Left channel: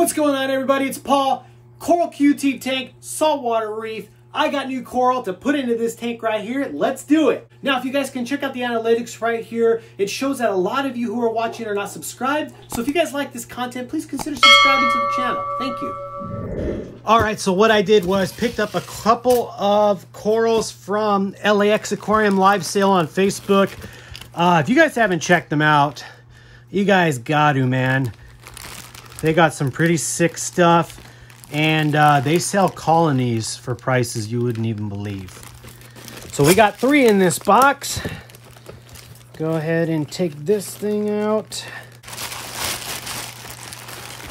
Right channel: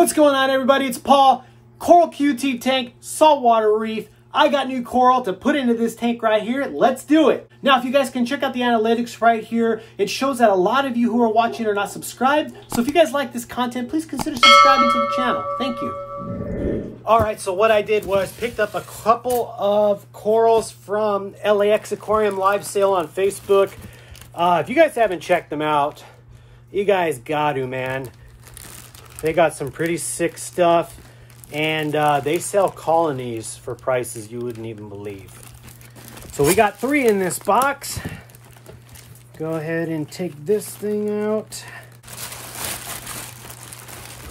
What's going on, everybody? It's Paul. Coral QT tank, saltwater reef. I got new coral to put into this tank right here. Let's do it. Now, if you guys can check out the analytics right here, it shows that a lot of you who are watching are not subscribed. So if you guys like this content, please consider subscribing to the channel. Thank you. All right, so what I did was picked up a couple of corals from LAX Aquarium live sale on Facebook. If you guys haven't checked them out, you guys got to, man. They got some pretty sick stuff, and they sell colonies for prices you wouldn't even believe. So we got 3 in this box. Go ahead and take this thing out.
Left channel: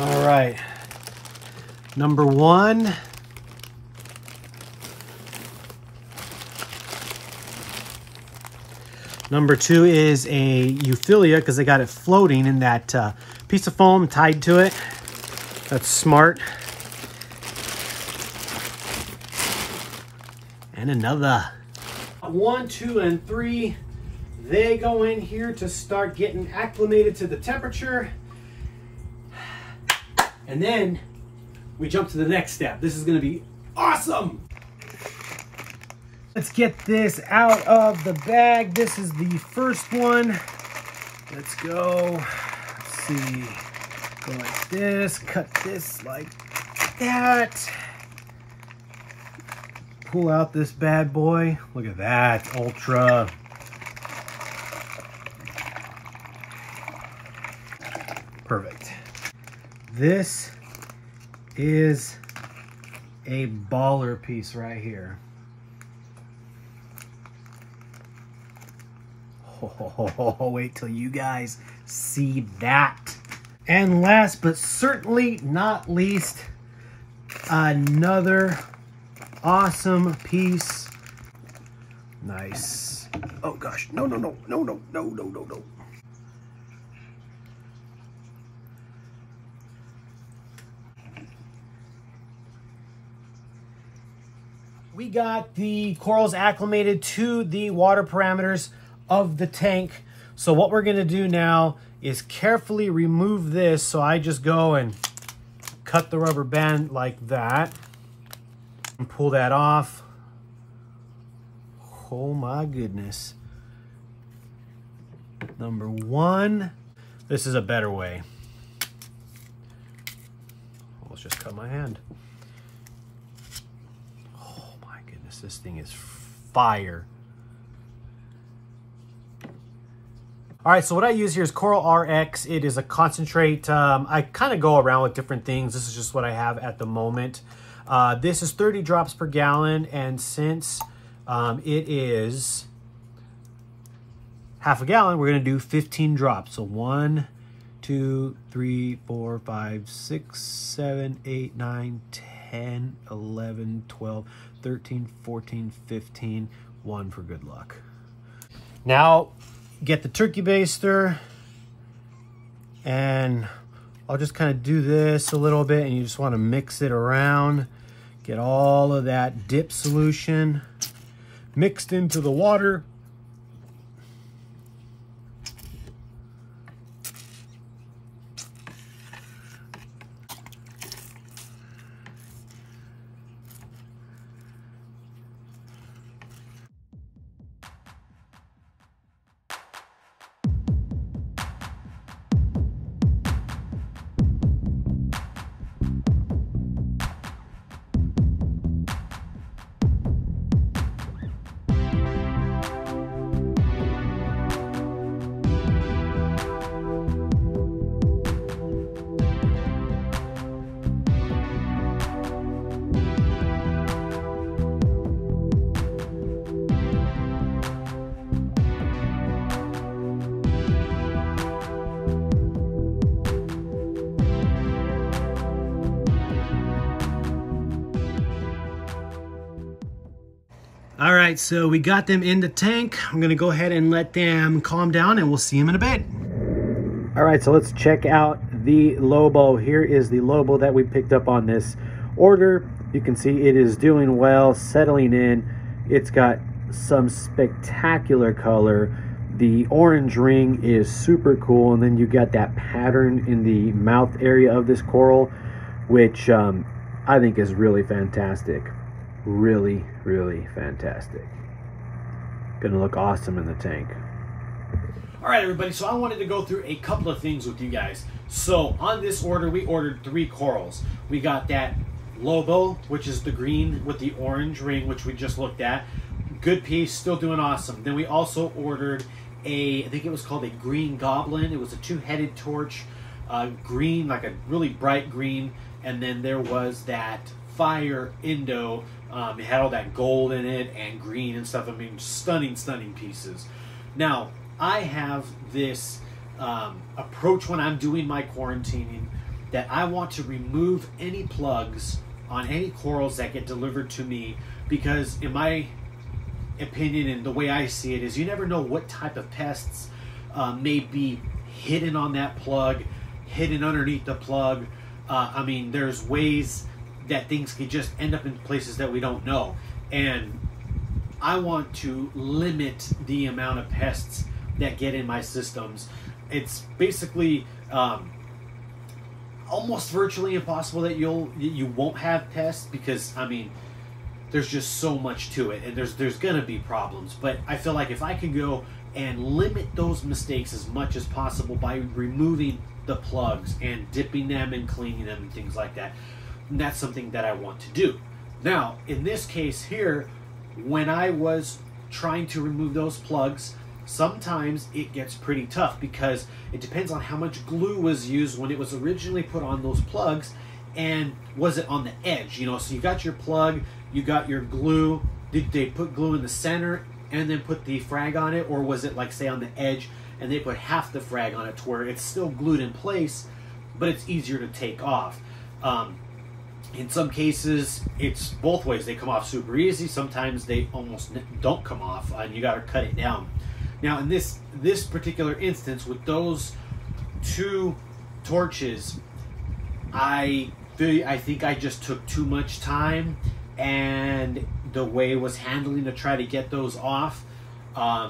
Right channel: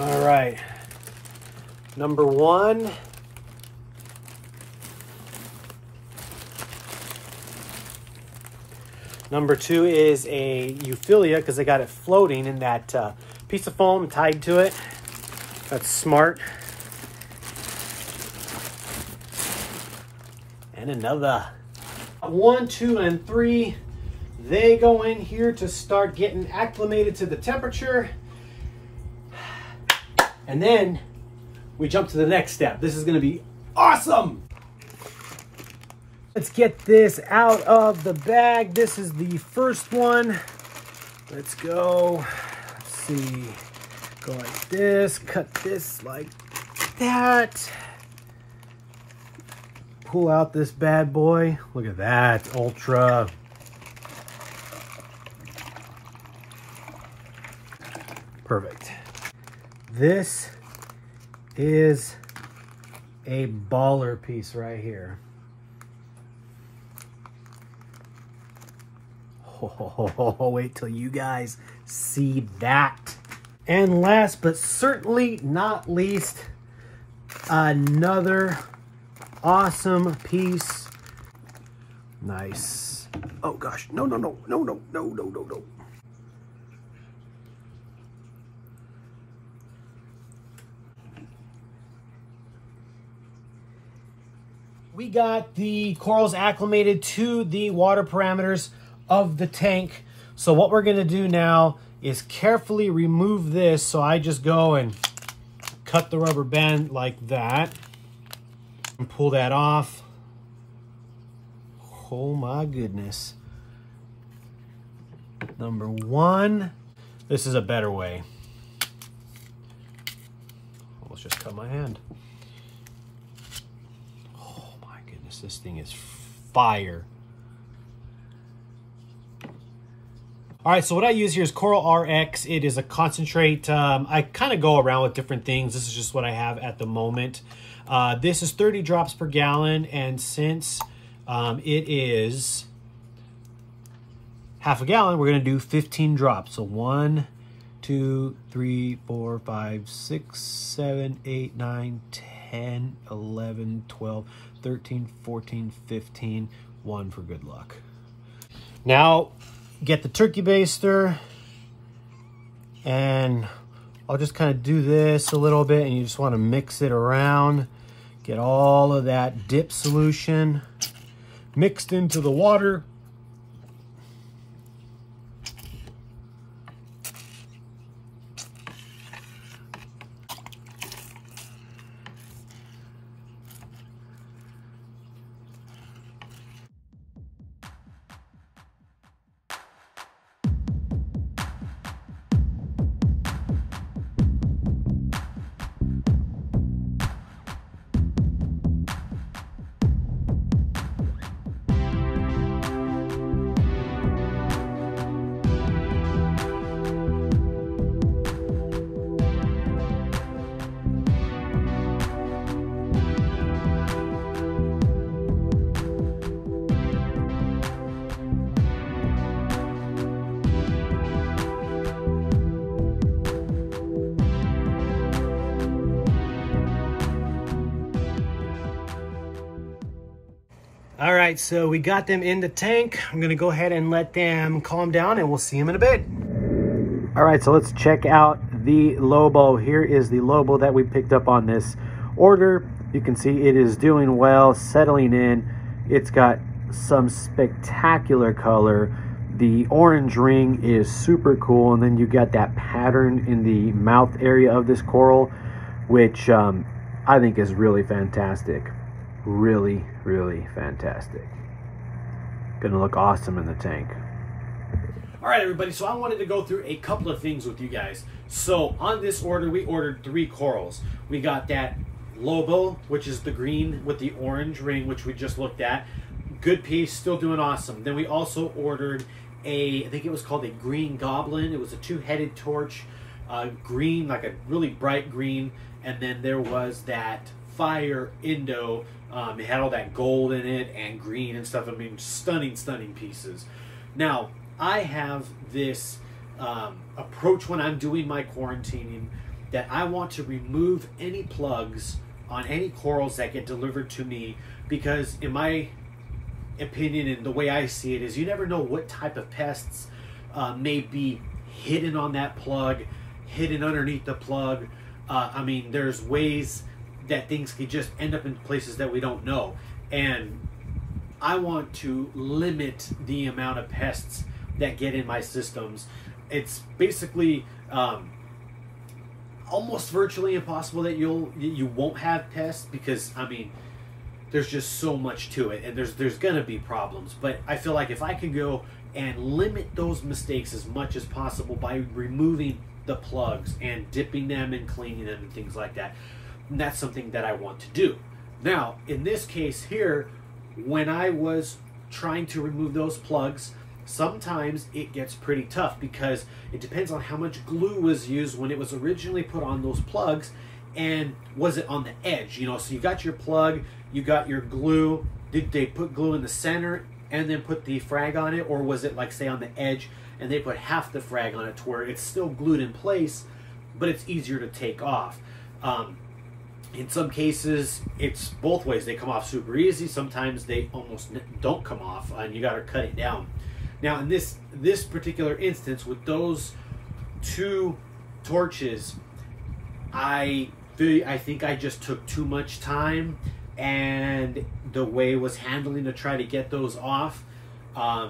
All right. Number 1. Number 2 is a Euphilia, because they got it floating in that piece of foam tied to it. That's smart. And another. 1, 2, and 3. They go in here to start getting acclimated to the temperature. And then we jump to the next step. This is going to be awesome. Let's get this out of the bag. This is the first one. Let's go. Let's see. Go like this. Cut this like that. Pull out this bad boy. Look at that. Ultra. Perfect. This is a baller piece right here. Oh, wait till you guys see that. And last but certainly not least, another awesome piece. Nice. Oh gosh, no. We got the corals acclimated to the water parameters of the tank. So what we're gonna do now is carefully remove this. So I just go and cut the rubber band like that and pull that off. Oh my goodness. Number 1, this is a better way. Let's just cut my hand. Oh my goodness, this thing is fire. All right, so what I use here is Coral RX. It is a concentrate. I kind of go around with different things. This is just what I have at the moment. This is 30 drops per gallon, and since it is half a gallon, we're gonna do 15 drops. So 1, 2, 3, 4, 5, 6, 7, 8, 9, 10, 11, 12, 13, 14, 15, 1 for good luck. Now, get the turkey baster, and I'll just kind of do this a little bit, and you just want to mix it around. Get all of that dip solution mixed into the water. All right, so we got them in the tank. I'm gonna go ahead and let them calm down, and we'll see them in a bit. All right, so let's check out the Lobo. Here is the Lobo that we picked up on this order. You can see it is doing well, settling in. It's got some spectacular color. The orange ring is super cool, and then you got that pattern in the mouth area of this coral. which I think is really fantastic. Really, really fantastic. Gonna look awesome in the tank. All right, everybody, so I wanted to go through a couple of things with you guys. So on this order, we ordered 3 corals. We got that Lobo, which is the green with the orange ring, which we just looked at. Good piece, still doing awesome. Then we also ordered I think it was called a green goblin. It was a 2-headed torch, green, like a really bright green. And then there was that fire Indo. It had all that gold in it and green and stuff. I mean, stunning, stunning pieces. Now, I have this approach when I'm doing my quarantining that I want to remove any plugs on any corals that get delivered to me, because in my opinion and the way I see it is you never know what type of pests may be hidden on that plug, hidden underneath the plug. I mean, there's ways that things could just end up in places that we don't know. And I want to limit the amount of pests that get in my systems. It's basically almost virtually impossible that you won't have pests, because I mean, there's just so much to it, and there's gonna be problems. But I feel like if I can go and limit those mistakes as much as possible by removing the plugs and dipping them and cleaning them and things like that, that's something that I want to do. Now, in this case here, when I was trying to remove those plugs, sometimes it gets pretty tough because it depends on how much glue was used when it was originally put on those plugs, and was it on the edge, you know? So you got your plug, you got your glue. Did they put glue in the center and then put the frag on it, or was it like, say, on the edge and they put half the frag on it to where it's still glued in place but it's easier to take off? In some cases, it's both ways. They come off super easy. Sometimes they almost don't come off, and you got to cut it down. Now, in this particular instance, with those 2 torches, I think I just took too much time, and the way it was handling to try to get those off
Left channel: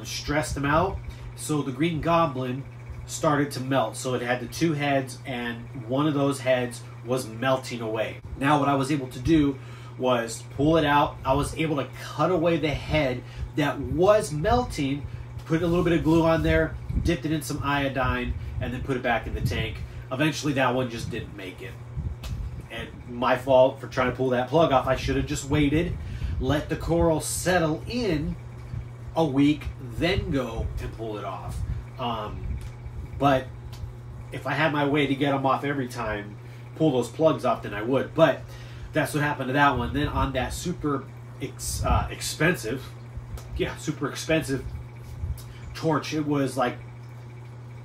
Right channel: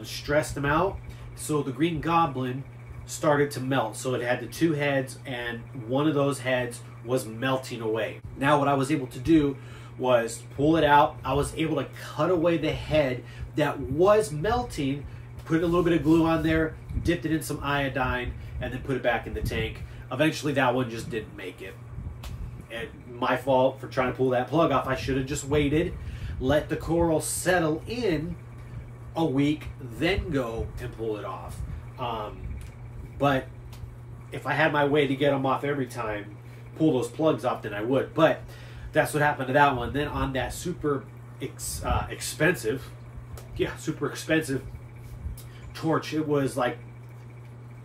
stressed them out. So the green goblin started to melt. So it had the 2 heads, and one of those heads was melting away. Now what I was able to do was pull it out. I was able to cut away the head that was melting, put a little bit of glue on there, dipped it in some iodine, and then put it back in the tank. Eventually that one just didn't make it. And my fault for trying to pull that plug off. I should have just waited, let the coral settle in a week, then go and pull it off. But if I had my way to get them off every time, pull those plugs off, then I would. But that's what happened to that one. Then on that super expensive torch, it was like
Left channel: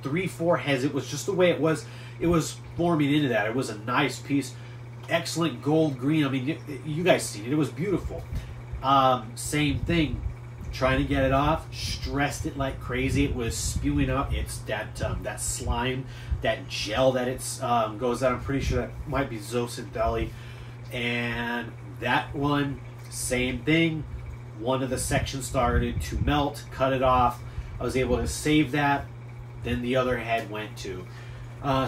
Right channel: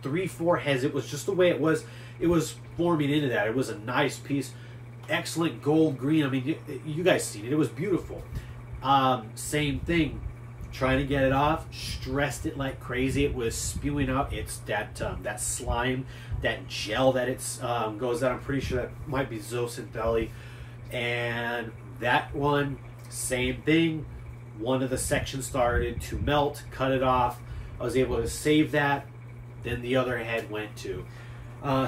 3-4 heads. It was just the way it was forming into that. It was a nice piece, excellent gold green. I mean, you guys seen it. It was beautiful. Same thing, trying to get it off, stressed it like crazy. It was spewing out. It's that slime, that gel that it's goes out. I'm pretty sure that might be Zosyn Belly. And that one, same thing. One of the sections started to melt, cut it off. I was able to save that. Then the other head went too.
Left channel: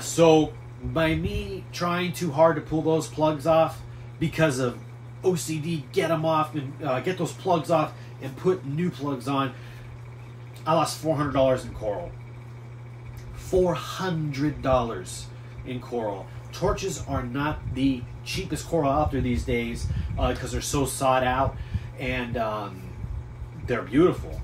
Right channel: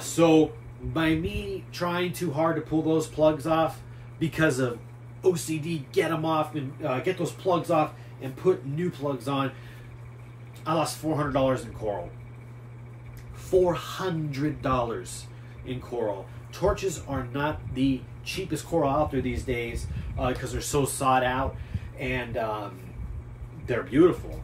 So by me trying too hard to pull those plugs off because of OCD, get them off and get those plugs off and put new plugs on, I lost $400 in coral. $400 in coral. Torches are not the cheapest coral out there these days because they're so sought out, and they're beautiful.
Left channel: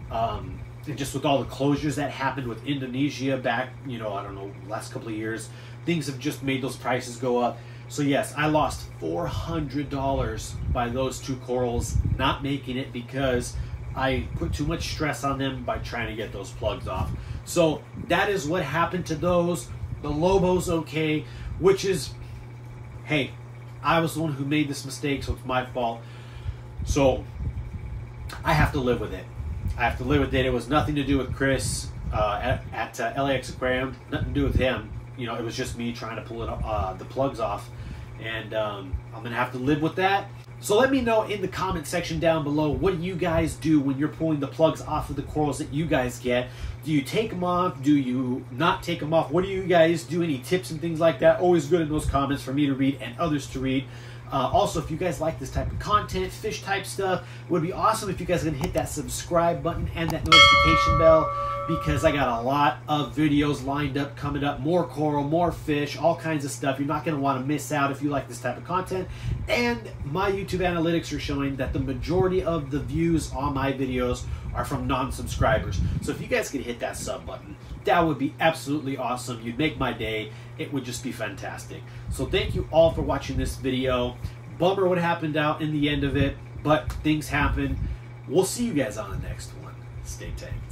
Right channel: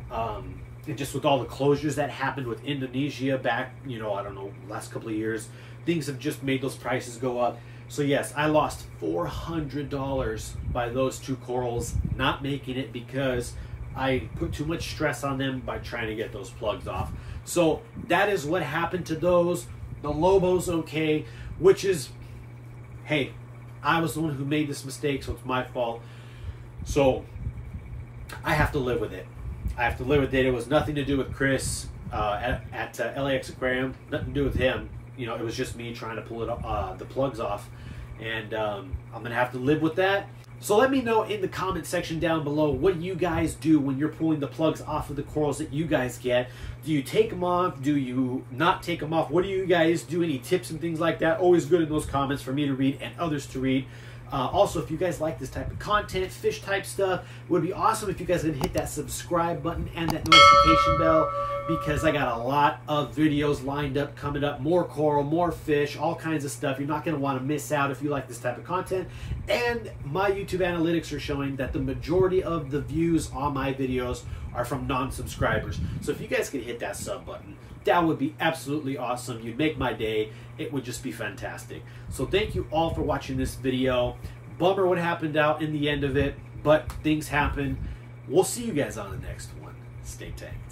And just with all the closures that happened with Indonesia back, I don't know, last couple of years, things have just made those prices go up. So yes, I lost $400 by those 2 corals not making it because I put too much stress on them by trying to get those plugs off. So that is what happened to those. The Lobo's okay, which is, hey, I was the one who made this mistake, so it's my fault. So I have to live with it. I have to live with it. It was nothing to do with Chris at LAX Aquarium. Nothing to do with him. It was just me trying to pull the plugs off. And I'm going to have to live with that. So let me know in the comment section down below, what do you guys do when you're pulling the plugs off of the corals that you guys get? Do you take them off? Do you not take them off? What do you guys do? Any tips and things like that? Always good in those comments for me to read and others to read. Also, if you guys like this type of content, fish type stuff, it would be awesome if you guys can hit that subscribe button and that notification bell, because I got a lot of videos lined up coming up, more coral, more fish, all kinds of stuff. You're not going to want to miss out if you like this type of content. And my YouTube analytics are showing that the majority of the views on my videos are from non-subscribers. So if you guys could hit that sub button, that would be absolutely awesome. You'd make my day. It would just be fantastic. So thank you all for watching this video. Bummer what happened out in the end of it, but things happen. We'll see you guys on the next one. Stay tank.